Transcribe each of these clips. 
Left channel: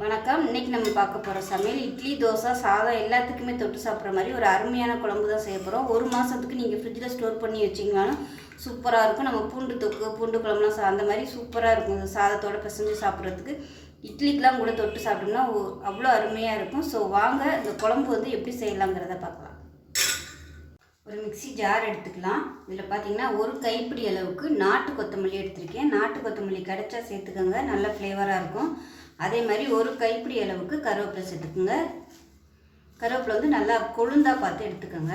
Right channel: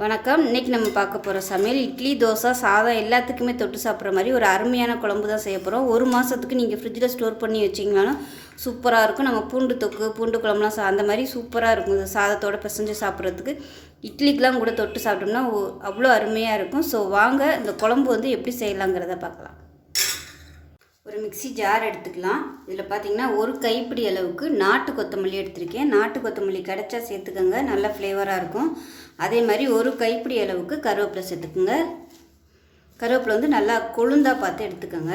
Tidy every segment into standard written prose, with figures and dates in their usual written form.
வணக்கம். இன்றைக்கி நம்ம பார்க்க போகிற சமையல் இட்லி, தோசை, சாதம் எல்லாத்துக்குமே தொட்டு சாப்பிட்ற மாதிரி ஒரு அருமையான குழம்பு தான் செய்ய போகிறோம். ஒரு மாதத்துக்கு நீங்கள் ஃப்ரிட்ஜில் ஸ்டோர் பண்ணி வச்சிங்கனாலும் சூப்பராக இருக்கும். நம்ம பூண்டு தொக்கு, பூண்டு குழம்புலாம் அந்த மாதிரி சூப்பராக இருக்கும். இந்த சாதத்தோடு பிசைஞ்சு சாப்பிட்றதுக்கு, இட்லிக்கெலாம் கூட தொட்டு சாப்பிட்டோம்னா அவ்வளோ அருமையாக இருக்கும். ஸோ வாங்க இந்த குழம்பு எப்படி செய்யலாங்கிறத பார்க்கலாம். ஒரு மிக்சி ஜார் எடுத்துக்கலாம். இதில் பார்த்திங்கன்னா ஒரு கைப்பிடி அளவுக்கு நாட்டு கொத்தமல்லி எடுத்திருக்கேன். நாட்டு கொத்தமல்லி கிடைச்சா சேர்த்துக்கோங்க, நல்ல ஃப்ளேவராக இருக்கும். அதே மாதிரி ஒரு கைப்பிடி அளவுக்கு கருவேப்பிலை சேர்த்துக்குங்க. கருவேப்பிலை நல்லா கொழுந்தாக பார்த்து எடுத்துக்கோங்க.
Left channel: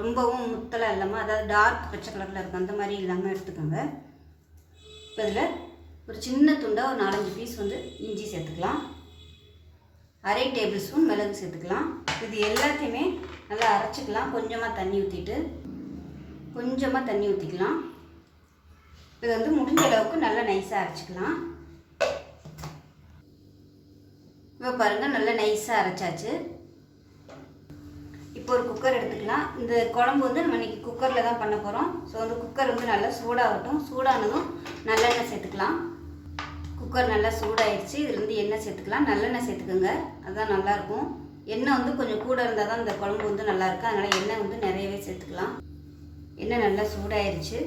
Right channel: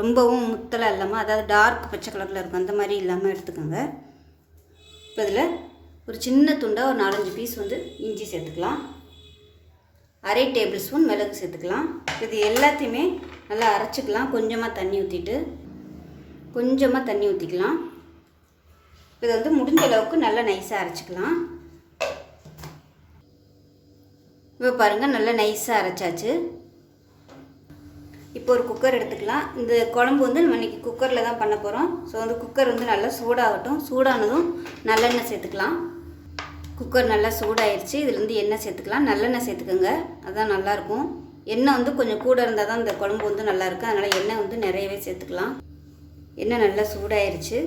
ரொம்பவும் முத்தலாக இல்லாமல், அதாவது டார்க் பச்சை கலரில் இருக்கும் அந்த மாதிரி இல்லாமல் எடுத்துக்கோங்க. இப்போ இதில் ஒரு சின்ன துண்டாக ஒரு 4-5 பீஸ் இஞ்சி சேர்த்துக்கலாம். அரை டேபிள் ஸ்பூன் மிளகு சேர்த்துக்கலாம். இது எல்லாத்தையுமே நல்லா அரைச்சிக்கலாம். கொஞ்சமாக தண்ணி ஊற்றிக்கலாம். இதை முடிஞ்ச அளவுக்கு நல்லா நைஸாக அரைச்சிக்கலாம். இப்போ பாருங்கள், நல்லா நைஸாக அரைச்சாச்சு. இப்போ ஒரு குக்கர் எடுத்துக்கலாம். இந்த குழம்பு நம்ம இன்றைக்கி குக்கரில் தான் பண்ண போகிறோம். ஸோ குக்கர் நல்லா சூடாகட்டும். சூடானதும் நல்லெண்ணெய் சேர்த்துக்கலாம். குக்கர் நல்லா சூடாயிருச்சு. இதில் எண்ணெய் சேர்த்துக்கலாம். நல்லெண்ணெய் சேர்த்துக்கோங்க, அதுதான் நல்லாயிருக்கும். எண்ணெய் கொஞ்சம் கூட இருந்தால் தான் இந்த குழம்பு நல்லாயிருக்கும். அதனால் எண்ணெய் நிறையவே சேர்த்துக்கலாம். எண்ணெய் நல்லா சூடாயிருச்சு.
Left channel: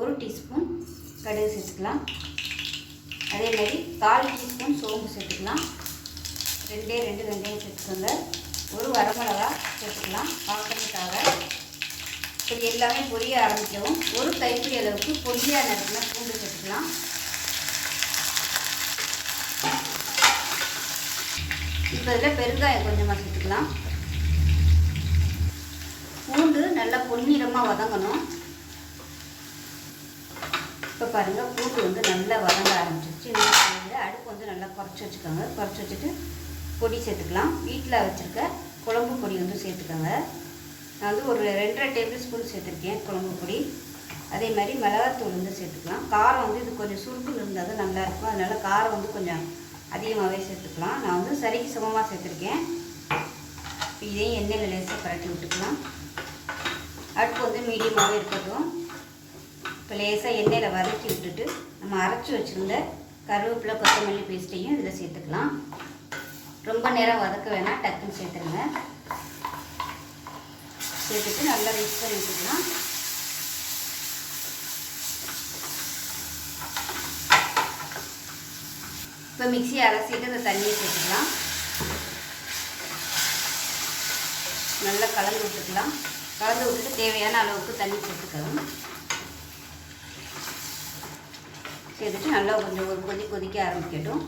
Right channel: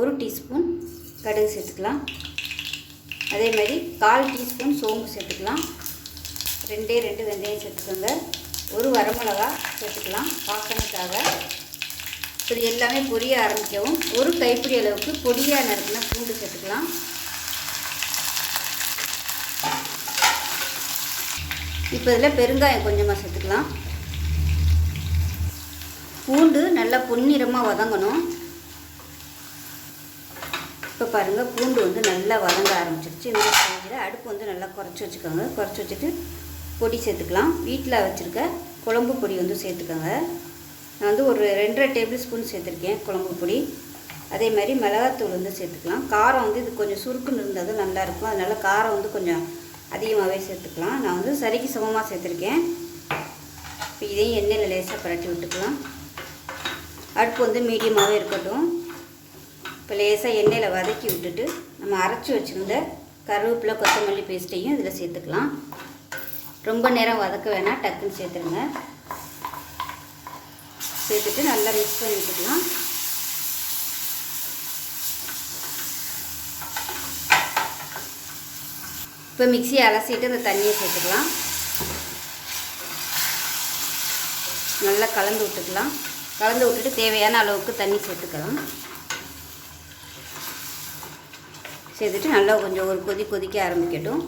1 டீஸ்பூன் கடுகு சேர்த்துக்கலாம். அதேமாதிரி 1/4 டீஸ்பூன் சோம்பு சேர்த்துக்கலாம். 2 வெந்தயம் சேர்த்துக்கோங்க. ஒரு வரமிளகா சேர்த்துக்கலாம் வாசனைக்காக. இது எல்லாமே பொரிய ஆரம்பிக்கவும் ஒரு கைப்பிடி அளவுக்கு பொடியாக நறுக்கினா பூண்டு சேர்த்துக்கலாம். இப்போ இதில் பெருங்காயம் கொஞ்சமாக சேர்த்துக்கலாம். பூண்டு நல்லா பொன்னிறமாக வதங்கணும். இப்போ பாருங்கள், பூண்டு நல்லா வதங்க ஆரம்பிச்சிருச்சு. இந்த அடுப்பு நல்லா குறைச்சி வச்சுக்கோங்க. குறைச்சி வச்சுட்டு பொடி சேர்த்துக்கலாம். வீட்டில் வச்சுருக்க குழம்பு பொடி சேர்த்துக்கோங்க. நான் ஒரு 2.5 டேபிள் ஸ்பூன் சேர்த்துருக்கேன் குழம்பு பொடி. அதே மாதிரி மிளகாத்தூள் சேர்த்துக்கலாம். காரம் இது கொஞ்சம் சுருக்குன்னு இருந்தால் தான் நல்லாயிருக்கும். அதனால் காரம் கொஞ்சம் அதிகமாகவே சேர்த்துக்கலாம். நான் சரிக்கு சமமாக சேர்த்துருக்கேன். இப்போ இதையும் எண்ணெயில் லேசாக பரட்டி விட்டுக்கலாம். அடுப்பு மீடியமாகவே இருக்கட்டும். இப்போ லேசாக எண்ணெயில் வதக்கி விட்டுட்டு நம்ம அரைச்சி வச்சுருந்த கருவேப்பிலை கொத்தமல்லி பேஸ்ட்டையும் இதில் சேர்த்துக்கலாம். ரொம்ப நேரம் வதக்க வேணாம், டக்குன்னு சேர்த்துருங்க. சேர்த்துட்டு நல்லா மிக்ஸ் பண்ணி விட்டுக்கலாம். இப்போ மிக்சியை அலசிட்டு இந்த தண்ணியை சேர்த்துக்கலாம். நல்லா கலந்து விட்டுக்கலாம். கலந்து விட்டுட்டு தேவையான அளவுக்கு தண்ணி சேர்த்துக்கலாம். சேர்த்துட்டு நல்லா கொஞ்சம் ஒரு கொதிக்க ஆரம்பிக்கட்டும்.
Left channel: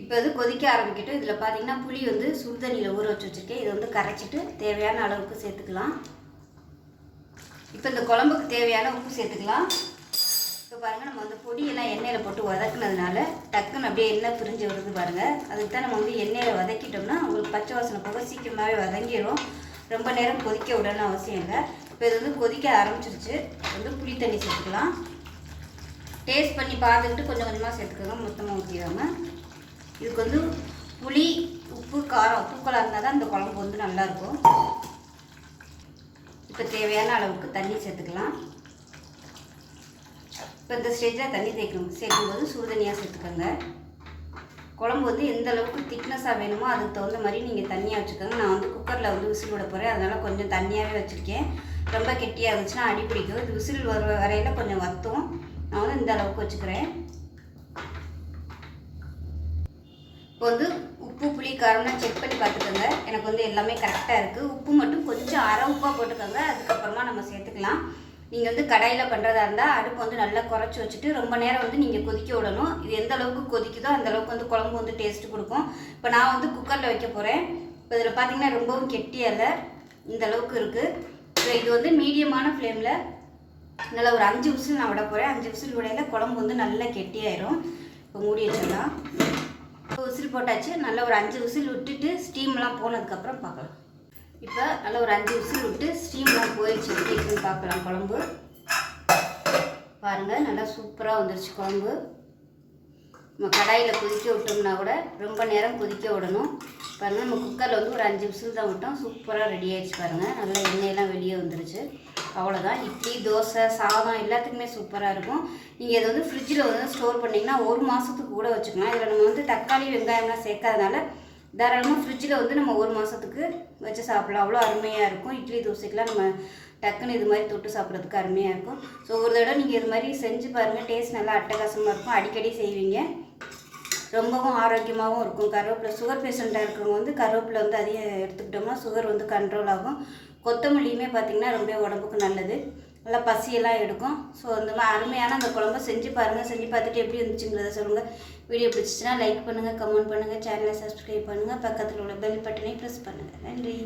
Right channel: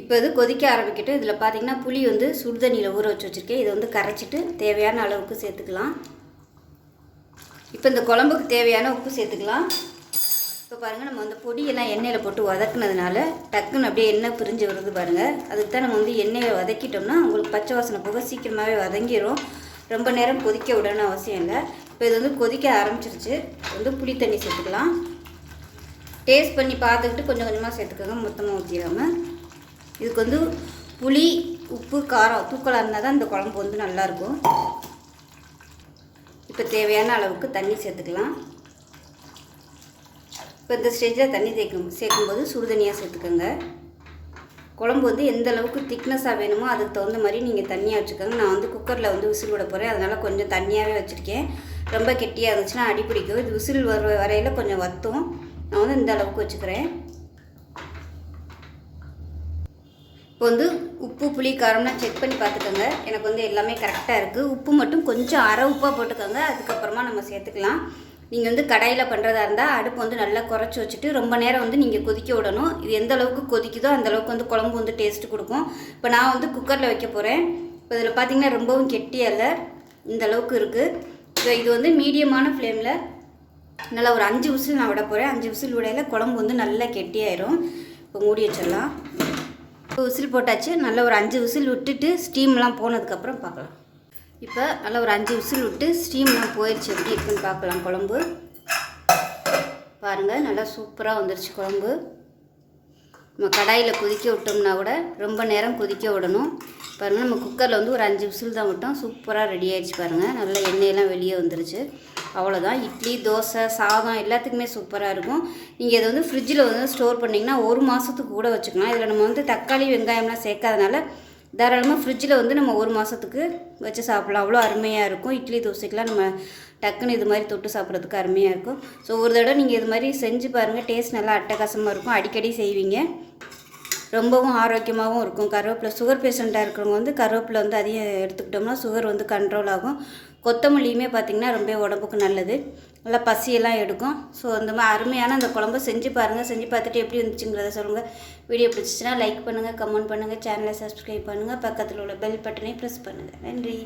இப்போ கொதிக்க ஆரம்பிக்கட்டும். இதில் பார்த்திங்கன்னா புளி சுடுதண்ணியில் ஊற வச்சுருக்கேன். இதை கரைச்சிட்டு தேவையான அளவுக்கு சேர்த்துக்கலாம். இப்போ இந்த குழம்புக்கு தேவையான உப்பு சேர்த்துக்கலாம். இப்போ பாருங்கள், நம்ம பொடியெல்லாம் எண்ணெயில் போட்டு வதக்குனதுனால டக்குன்னு அப்படியே எண்ணெய் பிரிஞ்சு வருது பாருங்கள். அதுக்கு தான் நம்ம எண்ணெயில் வதக்கிட்டோம்னா உங்களுக்கு பச்சை வாசனை போக சீக்கிரமாகவே வதங்கிடும். ரொம்ப நேரம் கொதிக்க விடணும்னு அவசியம் இல்லை. இப்போ இது கொதிக்க ஆரம்பிச்சிருச்சு. புளி தண்ணி சேர்த்துக்கலாம். டேஸ்ட் பண்ணி பார்த்துக்கிட்டு கொஞ்சம் கொஞ்சமாக சேர்த்துக்கோங்க, மொத்தமாக ஊற்றிடாமல். இதுக்கு புளி, உப்பு, காரம் தூக்கலாக இருந்தால் தான் இந்த குழம்பு நல்லாயிருக்கும். இப்போ தேவையான அளவுக்கு தண்ணி சேர்த்துக்கலாம். இப்போ இந்த ஸ்டேஜில் தண்ணி சேர்க்கும்போது சுடுதண்ணியாக சேர்த்துக்கோங்க. குழம்பு எந்த அளவுக்கு திக்னஸாக வேணுமோ அதுக்கு தகுந்த மாதிரி நீங்கள் தண்ணியாக வச்சுக்கோங்க. நான் குக்கரில் விசில் விட போகிறேன். அதனால் கொஞ்சம் தண்ணியாகவே வச்சுருக்கேன். ரொம்ப கெட்டியாக இருந்துச்சுன்னா அடி பிடிக்கும். இது விசில் வரையில் கொஞ்சம் வற்றும். நான் இந்த அளவுக்கு வச்சுக்கிறேன். இப்போ உப்பு, புளி, காரம்லாம் செக் பண்ணி பார்த்துக்கோங்க. எனக்கு எல்லாமே கரெக்டாக இருக்குது. உப்பு மட்டும் கொஞ்சம் அரை உப்பாக போட்டுக்கோங்க. அதுக்கப்புறமா நம்ம சேர்த்துக்கலாம். நீங்கள் கடாயில் பண்ணுறதா இருந்தால் அடுப்பு நல்லா குறைச்சி வச்சுட்டு ரொம்ப நேரம் நீங்கள் கொதிக்க விடணும். இது எந்த அளவுக்கு கொதிக்குதோ அந்தளவுக்கு குழம்பு டேஸ்ட்டு கொடுக்கும். இப்போ நான் குக்கரில் வைக்க போகிறேன். இப்போ இதில் பார்த்திங்கன்னா ரொம்பவும் கெட்டியாக இல்லை, இந்த அளவுக்கு இருக்குது. இப்போ இது மீடியமான ஃப்ளேமில் நல்லா ஒரு 5 விசில் நான் விட போகிறேன். 5 விசில் விடையில் குழம்பு நல்லா கெட்டியாயிரும். இப்போ மூடி வச்சிடலாம். இப்போ விசில் போட்டாச்சு. நல்லா ஒரு 5 விசில் விட்டுட்டு ஸ்டீம்லாம் போனதுக்கப்புறம் பார்க்கலாம். இப்போ நல்லா ஒரு 5 விசில் விட்டு ஸ்டீம்லாம் போயிடுச்சு. எப்படி இருக்குன்னு பார்க்கலாம். குழம்பு பாருங்கள், நல்லா சூப்பராக வந்துருச்சு குழம்பு. நம்ம கடாயில் கொதிக்க விட்டோம்னா கூட ரொம்ப நேரம் கொதிக்க விடணும். பாருங்கள், நம்ம குக்கரில் வந்து ஒரு 5 விசில் தான் விட்டோம். சூப்பராக ரெடி ஆகிடுச்சு பாருங்கள். நல்லா எண்ணெயெல்லாம் வெளியே வந்துருச்சு. அவ்வளோதான். இட்லி, தோசை, சாதம் எல்லாத்துக்குமே சூப்பராக இருக்கும். நீங்கள் இதை வந்து ஃப்ரிட்ஜில் வந்து ஸ்டோர் பண்ணிங்கன்னா 1 மாதத்துக்கு கூட வச்சுக்கலாம். இதில் நம்ம வந்து தக்காளி, வெங்காயம்லாம் சேர்க்காதனால தாராளமாக ஃப்ரிட்ஜில் வந்து நம்ம 1 மாதத்துக்கு வச்சு சாப்பிட்லாம். அவ்வளோ அருமையாக இருக்கும். இட்லி, தோசைக்கெலாம் நம்ம டக்குன்னு இது மாதிரி தொட்டு சாப்பிட்றதுக்கு அருமையாக இருக்கும். ஸோ ஒரு தடவை நீங்கள் இது மாதிரி செஞ்சு பாருங்கள். டேஸ்ட் நல்லா அட்டகாசமாக இருக்கும். அடிக்கடி செய்வீங்க. ரொம்பவும் ஆரோக்கியமாகவும் இருக்கும். கருவேப்பிலை, சுகர் பேஷண்ட்டாக இருக்கிறவங்க வந்து கருவேப்பிலை வந்து அதிகம் எடுத்துக்கிட்டோம்னா சுகர் வந்து கண்ட்ரோல் ஆகும். கொத்தமல்லியுமே பார்த்திங்கன்னா ரொம்ப உடம்புக்கு நல்லது. நல்லா பசியெல்லாம் எடுக்கும். ஸோ அந்த மாதிரி அருமையான அந்த குழம்பை செஞ்சு பாருங்கள். செஞ்சு பார்த்துட்டு எப்படி இருந்துச்சுங்கிறத சொல்லுங்கள். வீடியோ பிடிச்சிச்சின்னா லைக் பண்ணுங்கள், கமெண்ட் பண்ணுங்கள், சேனலை சப்ஸ்கிரைப் பண்ணுங்கள், பக்கத்தில் உள்ள பெல் பட்டனை ப்ரெஸ் பண்ணுங்கள். நன்றி.